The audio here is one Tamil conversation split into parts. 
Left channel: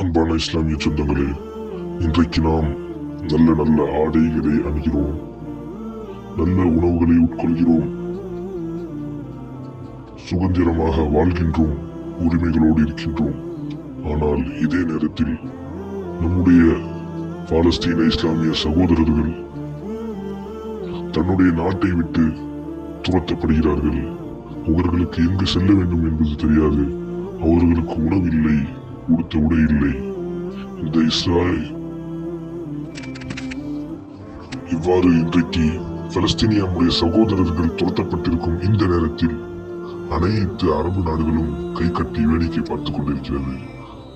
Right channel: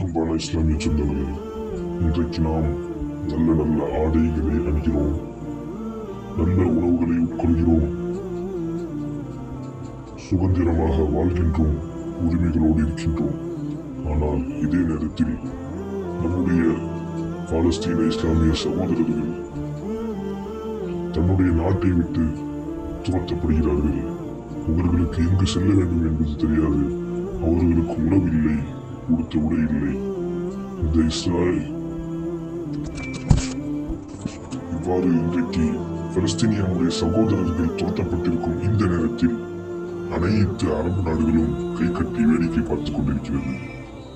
அன்பான இஸ்லாமிய சொந்தங்களே இன்றைக்கு நாம் நல்ல நல்ல ஆடைகளை அணுகிறோம். நல்ல உணவுகளை உட்கொள்கிறோம். சுதந்திரமாக வாழ்கின்றோம் உரிமைகளோடு இருக்கின்றோம். ஆனால் இதே நேரத்தில் நம்முடைய பாலஸ்தீன இஸ்லாமிய சகோதரர்கள் தன்னுடைய நாட்டை விட்டு துரத்தப்படுகிறார்கள். அவர்களுக்கு எங்கு செல்ல வேண்டும் என்பது தெரியாது. அவர்களுக்கு உணவில்லை கொடுத்து விட இல்லை. இந்த இஸ்ராயல் இவ்வாறு இன்றைக்கு பலஸ்தீனியாவுடைய சகோதரர்கள் துரத்தப்பட்டிருக்கும் இந்த நேரத்தில் அனைத்து அரபு நாடுகளும் கை கட்டி வேடிக்கை பார்த்துக் கொண்டிருக்கிறது.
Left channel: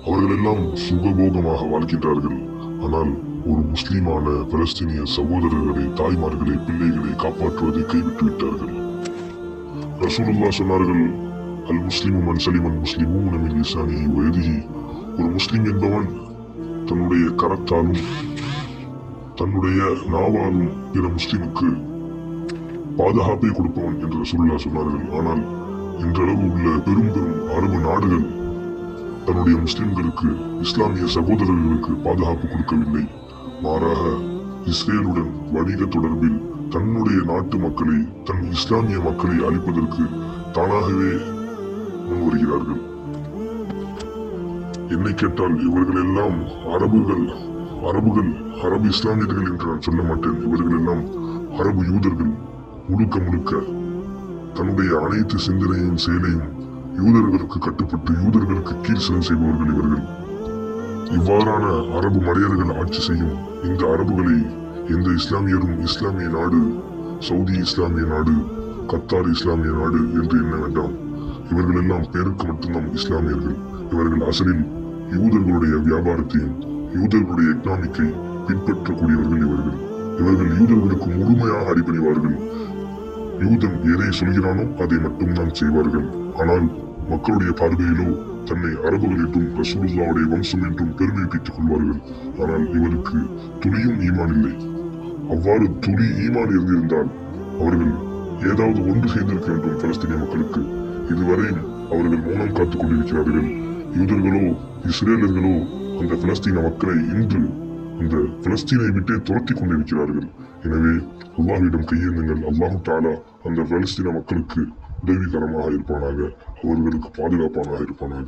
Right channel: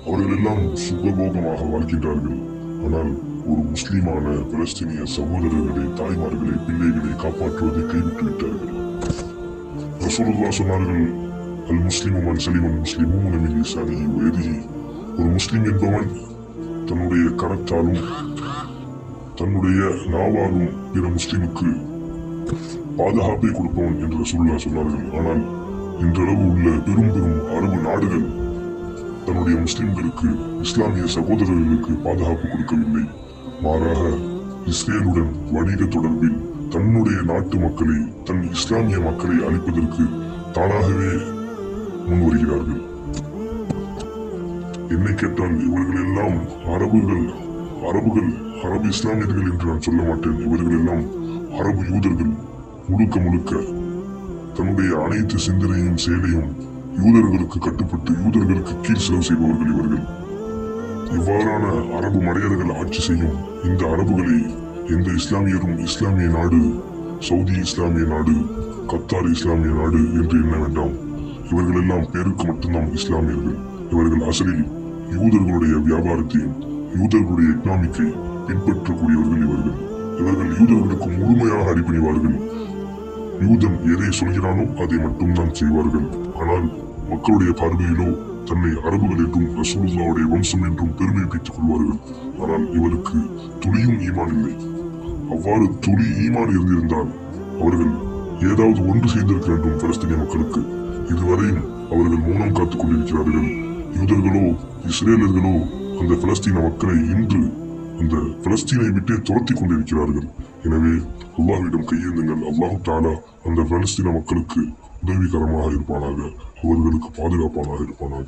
அவர்கள் எல்லாம் சுகபோகமாக வாழ்கின்றார்கள். ஆனால் ஒரு முஸ்லீமான பலஸ்தீனிய சகோதரர்களை தாய்மார்களை பிள்ளைகளை காப்பாற்றுவதை கைவிட்டு விட்டார்கள். ரசூலுல்லா சொன்னார்கள் அல் முஸ்லீமும் அன் சலிமன் முஸ்லிமும் மின் லிசானி ஒரு முஸ்லிம் என்பவன் தன்னுடைய கரத்தாலும் தன்னுடைய நாவாலும் பிற முஸ்லிமுக்கு பாதுகாப்பை கொடுப்பவன் என்று சொல்லா சொன்னார்கள் ஆனால் இன்றளவு உள்ள பெரும் பெரும் அரபு நாடுகள் தன்னுடைய முஸ்லிம்களுக்கு இஸ்லாமிய சகோதரர்களுக்கு பாதுகாப்பு கொடுக்கவில்லை. மாறாக இஸ்ரேலுடன் வணிக தொடர்பில் தன்னுடைய நாட்டு மக்களை தன் இஸ்லாமிய மக்களை அழிப்பதற்கு தானாகவே முன்வருகிறார்கள். என்னை கேட்டால் இவர்கள் எல்லாம் அரபுகள் அரபுகள் அரபு இஸ்லாமியர்கள் என்று நான் சொல்ல மாட்டேன். இவர்கள் எல்லாம் அரபு யூதர்கள் முழுக்க முழுக்க. தன்னுடைய அனைத்து சிந்தனையும் செயலையும் யூதர்களுக்கு கட்டுப்பட்டு யூதர்களுக்கு கீழ் செலவு செய்பவர்கள் இவர்கள். இவ்வாறான அரபு மடையர்கள் ஆட்சி செய்யும் இந்த அரபுகளை எந்த இஸ்லாமியரும் இஸ்லாமிய நாடு சவுதி இஸ்லாமிய நாடு கத்தார் இஸ்லாமிய நாடு என்று எண்ண வேண்டாம். இவர்கள் எல்லாம் பேருக்கு மட்டும்தான் இஸ்லாமியர்கள். இவர்கள் அசலில் யூதர்களுடைய வியாபாரத்தையும் யூதர்களுடைய எக்கனாமிக்கை பின்பற்றக்கூடியவர்கள் இவர்கள். இவர்கள் யூதர்களுக்கு முழுமையாக அடிபணிவார்கள். யூதன் எதை சொல்கிறானோ அதை மட்டும்தான் செய்வார்கள். ஆனால் மக்களுடைய பார்வையிலோ தன்னை அரபுகள் என்றும் ரசூலுல்லாவுடைய வம்சம் என்றும் பெருமை பெற்றுக் கொள்வார்கள். ஆனால் இவருக்கு துளியும் ஈமான் இல்லை. அவ்வாறு துளி ஈமான் இருந்திருந்தால் அவர்கள் ஏதாவது ஒன்று செய்திருக்க வேண்டும் பலஸ்தீனிய மக்களுக்கு. இதுவரையும் அவர்கள் மௌனம் காத்துக் கொண்டிருக்கிறார்கள். யூதர்களோ இஸ்ரேலர்களோ அந்த பலஸ்தீன மக்களை இன்று இந்த பலஸ்தீனை விட்டே துரத்தி கொண்டிருக்கிறார்கள். எனவே அல்லாஹ்விடம் கையேந்துங்கள். அல்லாஹு தாலா அந்த பலஸ்தீன மக்களுக்கு உதவிகரமாக இருப்பானாக அவர்களுக்கு பாதுகாப்பானாக இருப்பானாக.